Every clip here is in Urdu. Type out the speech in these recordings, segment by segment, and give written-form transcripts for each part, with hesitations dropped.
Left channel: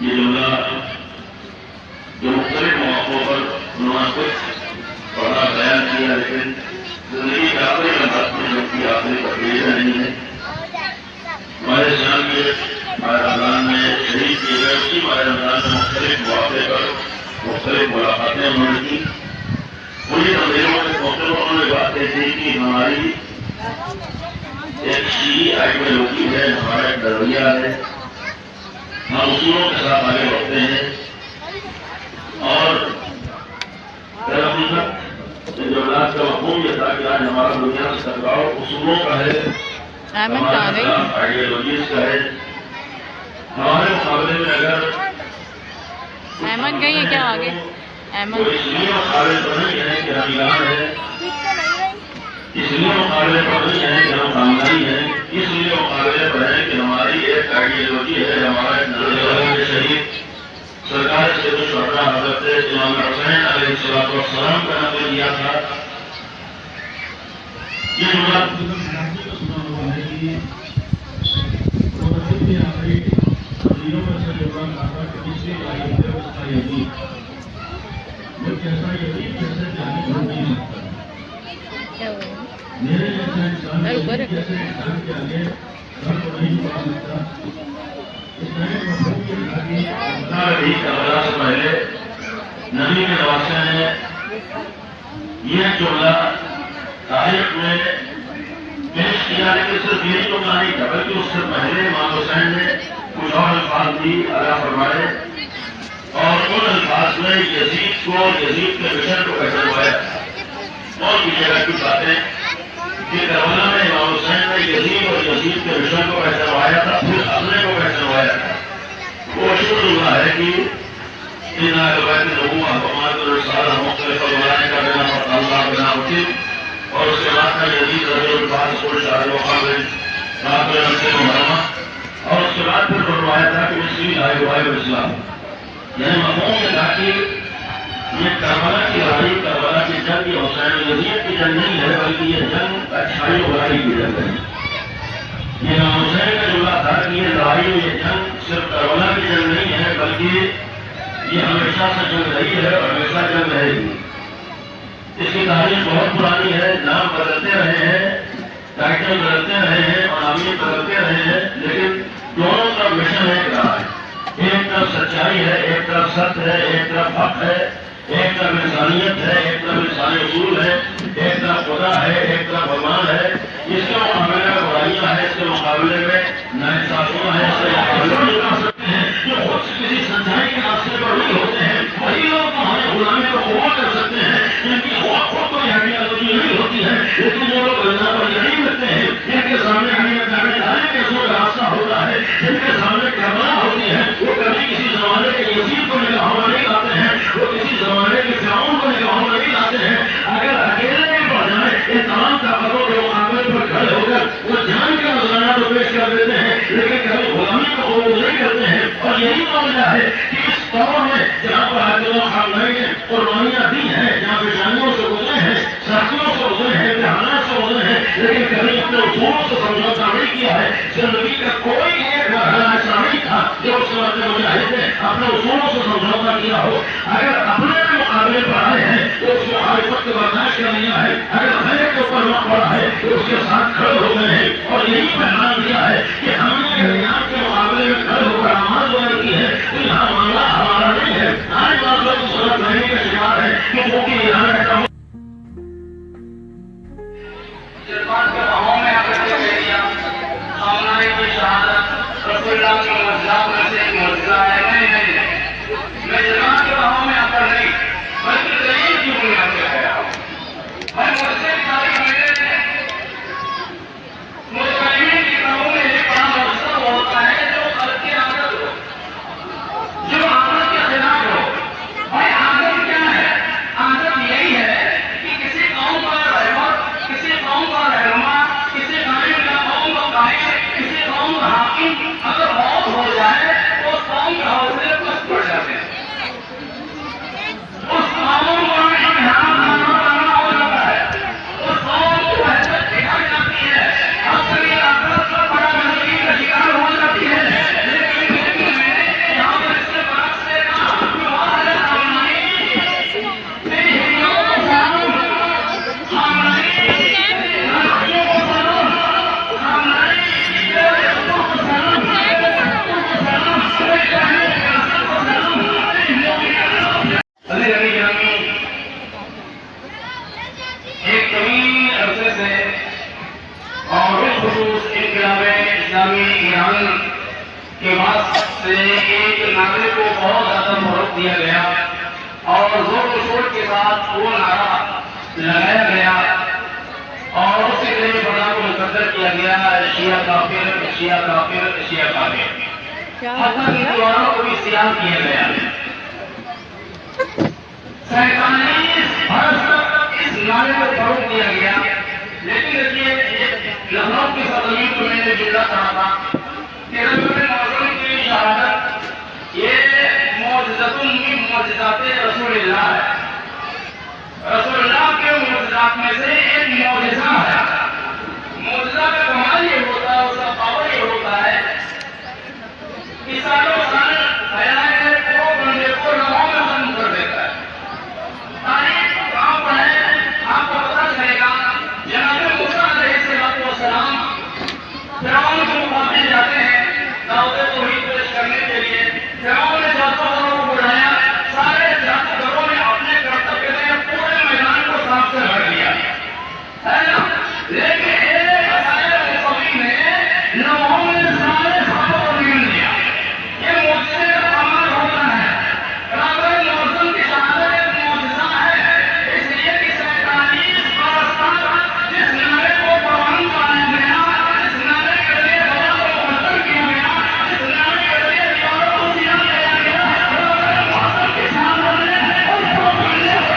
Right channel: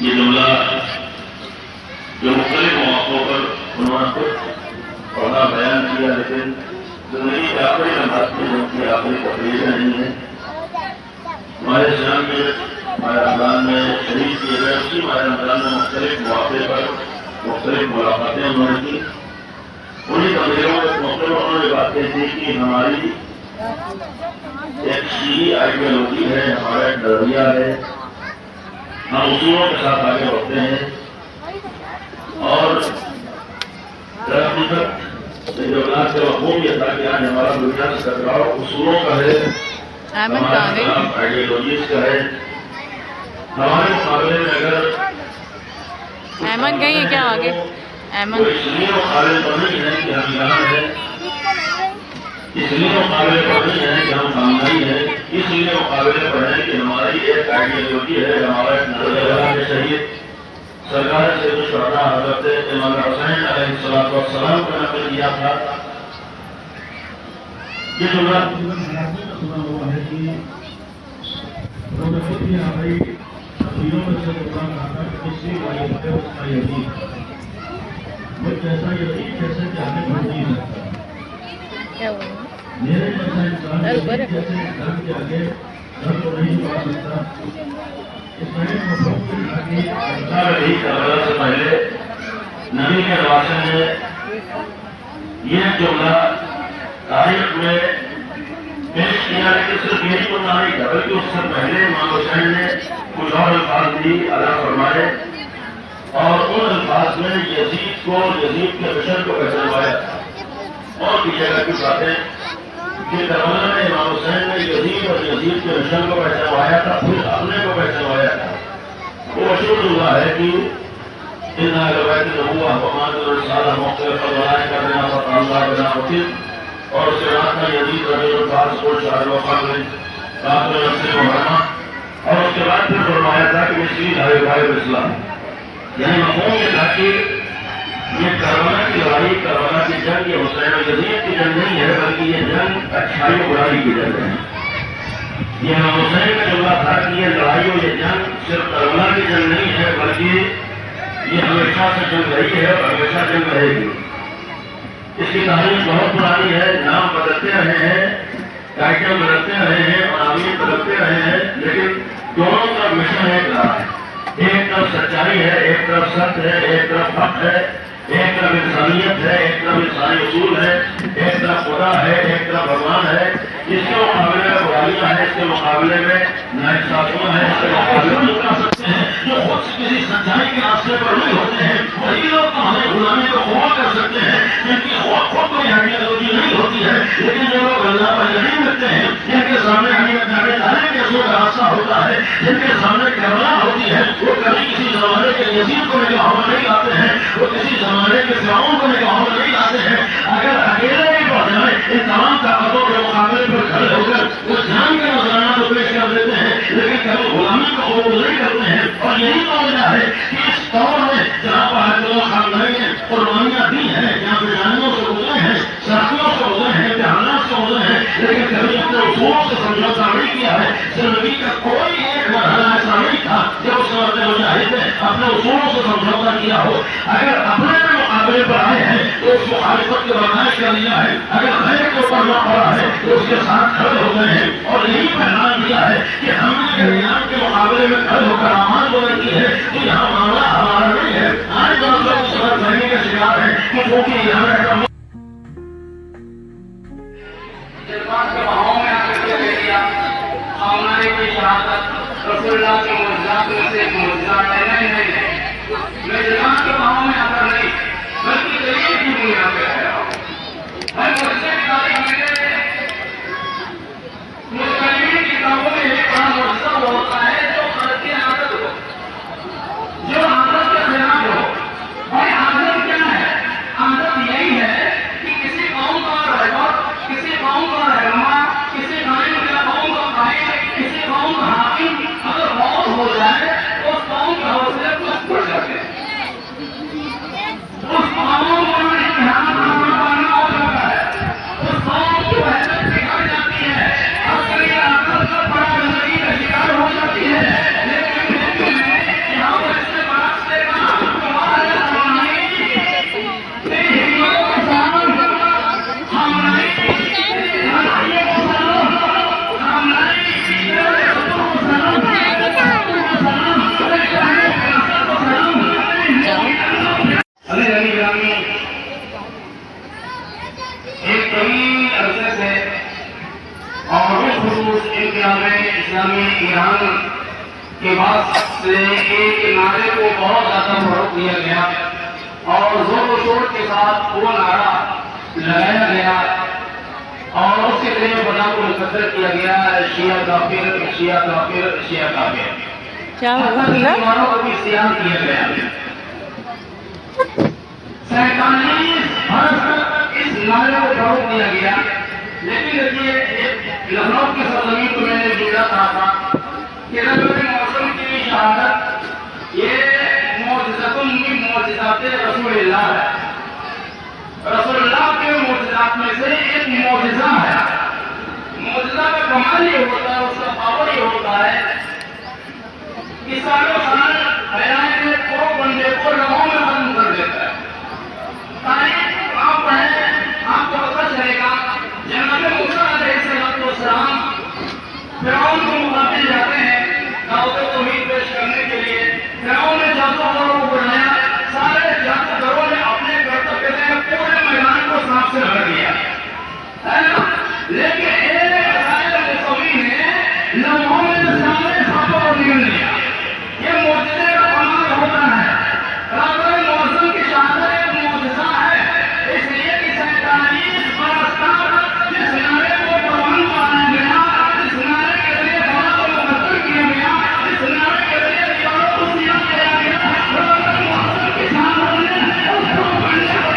یہ جملہ جو مختلف مواقعوں پر انہوں نے خود پڑھا بیان کیا، لیکن زندگی کے آخری لمحات میں جن کی آخری تقریریں نہیں ہیں، ہمارے اسلام کے ماہ رمضان میں شہید کیے گئے اسی ماہ رمضان میں مختلف مواقع پر مختلف ملاقاتیں انہوں نے کی. انہیں تقریروں کے موقع پر انہوں نے باتیں کی کہ ہماری ایک شیعی آئیڈیالوجی ہے، ہمارا ایک نظریہ ہے، ہم اصولوں کے ساتھ آگے بڑھتے ہیں اور جماعت کا مفہوم یہ تھا کہ آج ہمارا دنیا سے ٹکراؤ اصولوں کا ہے، ہمارے خلاف آئیڈیالوجیز کا ہے. ہمارے مقابلے میں اگر احمد گئی ہے کیا آگے؟ احمد اس لیے مقابلے پر نہیں ہے کہ ہم ایران ہے، اس لیے مقابلے پر نہیں ہے کہ ہم کامیابی ہے، اس لیے مقابلے پر ہے کہ ہماری ایک آئیڈیالوجی ہے، ہمارا ایک نظریہ ہے. شہید سرکار سے جو شہدا حضرت امام حسین علیہ السلام کا نقل کیا تھا، یہ جملہ سنا ہوا ہے کہ ہماری تقریروں میں سے پروگرام کہا کہ اس لیے ہے اس کا یقین وہ کیسا یقین جیسے کہ ہمیں گھر نہیں سکتا، میرے جیسا انسان جیسے گھر کے آگے گھر کو نہیں پا سکتا. اس میں مفہوم یہ تھا کہ کربلا سے پہلے نبی کے نواسے نے یہ جملہ تاریخ میں پیش کیا، لیکن صرف یہ جملہ نہیں تھا بلکہ اس سے پہلے امام حسین نے کچھ اور الفاظ بھی ادا فرمائے اور ان الفاظ میں یزید کے مشن کو پہچانوایا. اور بھی جگہ کی باتیں کہ کربلا میں امام حسین نے یزید کے مشن کو پہچانوایا تھا، پھر اپنے کو پہچانوایا تھا. وہ اشد اللہ ہے کہ ان روایت نبوہ حکمان کے سارا مختلف فرمایا کا بنا اللہ بنا ہوتی اور اس کے بعد میں یزید رضی الفاظ کو شاہ الوفا میں کافر رسی محرمہ اور اس کے بعد پھر فرمایا تھا کہ مسلم ہے روایت اسلام. یعنی مفہوم یہ تھا کہ یہ کربلا کی لڑائی، کربلا کی جنگ یہ حسین و یزید کی جنگ نہیں ہے بلکہ یہ جنگ اچھائی و برائی کی جنگ ہے. یہ امام حسین کا جملہ تھا کہ یہ لڑائی و یہ جنگ صرف کربلا کی جنگ نہیں ہے بلکہ یہ ہمیشہ سے جنگ رہی ہے اور ہمیشہ جنگ رہے گی. اس کی تاریخ بہت پرانی ہے، نام بدلتے رہے ہیں، ٹائٹل بدلتے رہے ہیں اور امیر بدلتے رہے ہیں، لیکن دونوں کا مشن ایک رہا ہے. ایک طرف سچائی ہے، ایک طرف سچ ہے، ایک طرف حق ہے، ایک طرف انسانیت ہے، ایک طرف انسانی اصول ہے، ایک طرف خدا ہے، ایک طرف بھگوان ہے. اس کے مقابلے میں برائیاں ہیں، اس کے مقابلے میں ناانصافیاں ہیں، اس کے مقابلے میں کر سکتے ہیں جو خود کسی سچائی کے راستے پر نہیں ہوتے ہیں. وہی لوگ ہمیں غلامی کو قبول کر سکتے ہیں جن کی خود کوئی آئیڈیالوجی نہیں ہوتی ہے، لیکن جو لوگ اللہ پر یقین رکھتے ہیں، جن کے سامنے جانے کے سو کا راستہ ہوتا ہے، جن کے سامنے کربلا ہوتی ہے، وہ کبھی کسی زمانے کے یزید کو نگاہوں میں نہیں لاتے ہیں، وہ کسی زمانے کے فرعون کو نگاہوں میں نہیں لاتے ہیں. اگر اکیلے بھی پڑ جائیں ان تمام طاقتوں کے مقابلے پر کھڑے ہو کر وہ جان کا نذرانہ تو پیش کر دیتے ہیں لیکن کبھی غلامی کو قبول نہیں کرتے ہیں. اور یہی معاملہ ہے کہ اس دور میں جہاں پر خاندانی نے قربانیاں دی ہیں، جہاں پیشانیوں سے گزرے ہیں، سختیوں سے گزرے ہیں، امتحانات سے گزرے ہیں، لیکن کبھی اپنے اصولوں سے سمجھوتا نہیں کیا ہے. زندگی کا کوئی ایک مرحلہ ایسا نہیں تھا جب اس وقت مجاہد نے اپنے اصولوں سے سمجھوتا کیا ہو. اگر اپنے مقابلے پر آئے ہیں تو اس مخالفت کے برداشت کر لیا ہے، اگر غیر کے اوپر نہ پڑا ہے تو اس کے ساتھ کھڑے ہو گئے ہیں. اور یہی پیغام دیا ہے کہ ہم نے ریاض کے مقابلے میں کھڑے ہو کر آماد بولے کی ہے تو یہاں معاملہ ہمارا نہیں ہے. آج بات لوگ اس وقت رہنے کا شکار ہے کہ چونکہ یہاں رہتا ہوں جذبات کے بہاؤ میں آ کر کے لے لیا سامنے کی شہادت رسول اللہ کے معجزات میں سے ایک معجزہ ہے. نہیں میں جذبات کے بہاؤ میں آ کر نہیں بلکہ دلیل کی بنیاد پہ آیا ہوں. میں معجزے کی تاریخ میں مستقبل کی کتابوں میں ایک بڑا معجزہ ہوتا ہے جو غلط کی عادت ہو، جو عادت کے خلاف ہو. بھائی عادت کیا ہے؟ عادت یہی ہے کے بعد سے ایک نعرے کو بہت زیادہ فروغ دیا گیا اور زور و شور کے ساتھ وہ نعرہ لگایا گیا اور اس کے ذریعے بنا کو مقدر کیا گیا شیعہ کافر، شیعہ کافر، شیعہ کافر، کیا حتیٰ کہ دیواروں کو بھی سیاہ کیا گیا۔ 47 برس تک اس نعرے کو فروغ دیا گیا، لیکن دیکھیے لکھنؤ کی سرزمین کو میں نے جملہ کہا تھا کہ رب معظم کی شہادت یہ معجزۃ من معجزات رسول اللہ ہے۔ رسول اللہ کے معجزات میں سے ایک معجزہ ہے۔ معجزہ کا کمال یہ ہوتا ہے، اس کا پاور یہ ہوتا ہے کہ سالوں سال حیات کو بندے کو لمحوں میں ختم کر دیتا ہے۔ تاریخ آپ پڑھیں آپ کو پتہ چلے گا، جناب موسیٰ علیہ السلام فرعون کے مقابل جاتے ہیں دعوت توحید پیش کرنے کے لیے۔ فرعون نے جادوگروں کو بلایا، سارے جادوگروں نے اپنے کرتب کے پورے میدان کو صاف سے بھر دیا ہے نا، لیکن ایک غیر مصوی نے لمحوں میں سارے خوابوں کو نگل لیا۔ یہ معجزے کا کمال ہوتا ہے۔ رابع معظم کی شہادت ایک معجزہ ہے، اس لیے کہ 47 برس تک جس نعرے کو پروان چڑھایا گیا، جس نعرے کے ذریعے دعا کو مقدر کیا گیا، جس نعرے کے ذریعے دیواروں کو سیاہ کیا گیا، رابع معظم کی شہادت نے اس کو بننے کو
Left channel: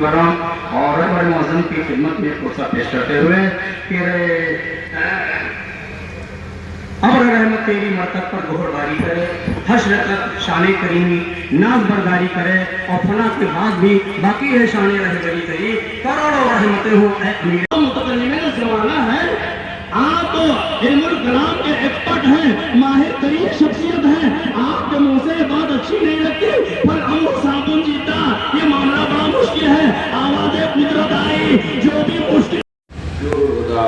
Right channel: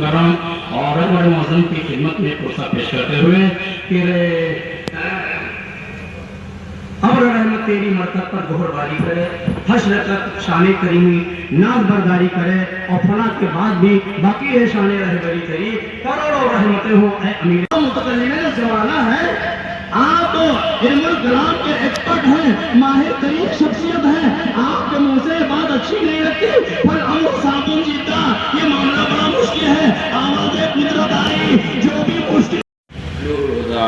کرم اور بڑے معظم کی خدمت میں پرسہ پیش کرتے ہوئے کہ اب رحمت تیری مرکب پر گہر باری کرے، حشر تک شان کریمی ناز برداری کرے، اور فنا کے بعد بھی باقی ہے شان رہبری تیری، کروڑوں رحمتیں ہوں اے امیر متکلمین زمانہ ہے۔ آپ تو علم الکلام کے ایکسپرٹ ہیں، ماہر ترین شخصیت ہیں، آپ کے منہ سے بات اچھی نہیں لگتی، پر امر صابن جیتا یہ معاملہ بڑا مشکل ہے، آواز قدرت آئی جو بھی مشکل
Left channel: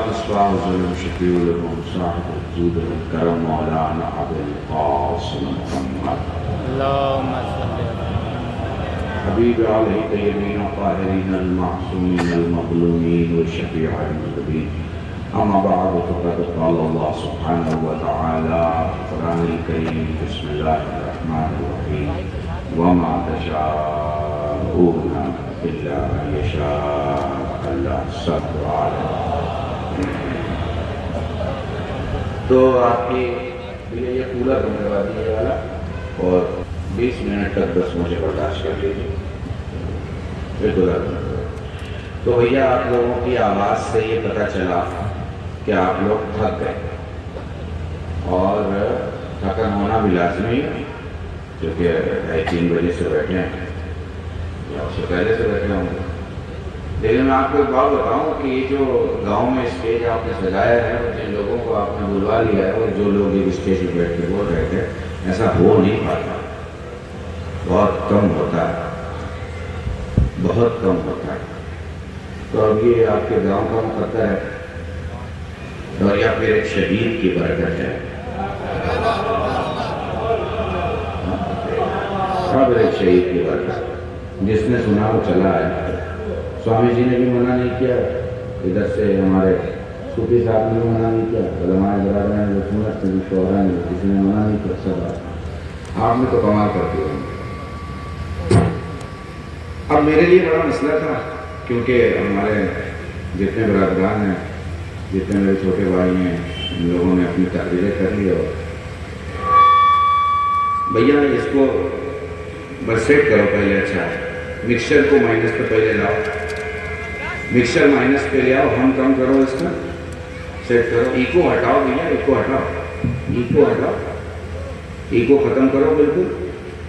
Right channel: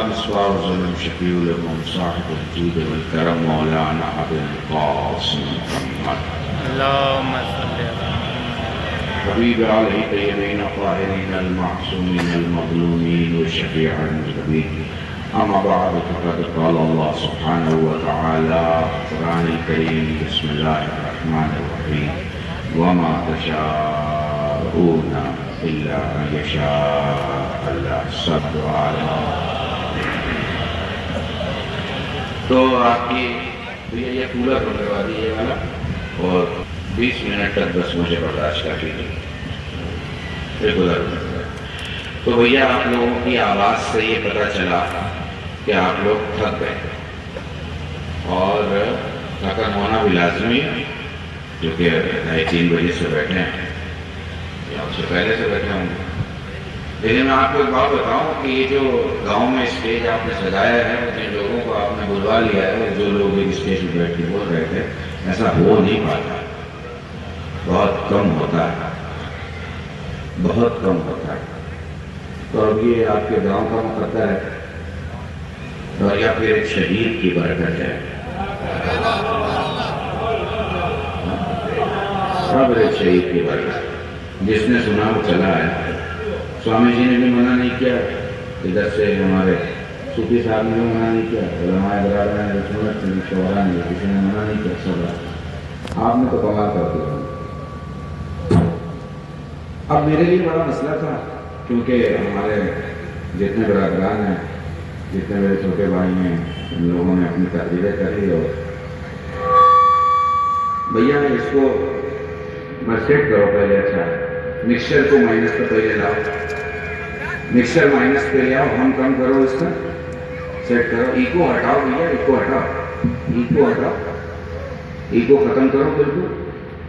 مصباح الظلم شفیع لكم صاحب الجود والكرم مولانا ابو القاسم محمد اللهم صل على حبیب علیہ طیبین الطاہرین المعصومین المظلومین والشفیع المذنبین اما بعد فقد قال اللہ سبحانہ وتعالی قرآن الکریم بسم اللہ الرحمن الرحیم وما تشاءون الا ان یشاء اللہ صبر علیہ۔ تو آپ کی یہ کولر ہونے والی ہے والا، اور 20 منٹ تک بس مجھے برداشت کر لیجیے۔ یہ کولر ہونے والا تو بھیا آپ لوگوں کی آواز سے یہ پتہ چلا کہ آپ لوگ تھک گئے، اور تھکن ہونا بھی لازمی ہے کیونکہ 3 بجے سے بیٹھے ہیں یا اس سے پہلے سے بیٹھے ہوں گے۔ لیکن میں آپ کو ایک بات بتاؤں کہ یہ جو گاؤں میں اسٹیج آپ نے سجایا ہے، جن لوگوں کو آپ نے بلوا لیا ہے، جو لوگ ایک اسٹیج پہ بیٹھ کے بول رہے تھے، ایسا ہو نہیں پاتا، بہت کم ہوتا ہے، بہت کم ہوتا ہے۔ تو اب یہ آپ کے گاؤں کا مقدر ہے، اور یا پھر ایک شہید کی برکت ہے، اب ایک شہید کی برکت، جس نے سنا وہ چلا ہے۔ سوامی جی نے بھی منع نہیں کیا، ادھر سے ہمارے صوفی صاحب نے بھی منع نہیں کیا، علماء برادران نے شوہران نے کسی نے منع نہیں کیا، سب آپ نے تو کمال کر دیا۔ اب میرے لیے بڑا مسئلہ تھا کیونکہ ہمارے جتنے برادران ہیں، جتنے میرے چھوٹے بھائی ہیں، ان لوگوں نے اپنی تحریریں کر لی، اور بھیا اس کو بس سیٹ کرو پہلے، اچھا مکسچر کو مائنس پہ پہلے لاؤ، مکسچر مائنس پہ لے آؤ، ہم کم کرو اس کو، سیٹ کرو، ایکو ہٹاؤ بھیا، ایکو ہٹاؤ، ایکو ہٹاؤ، ایکو ختم کرو بالکل،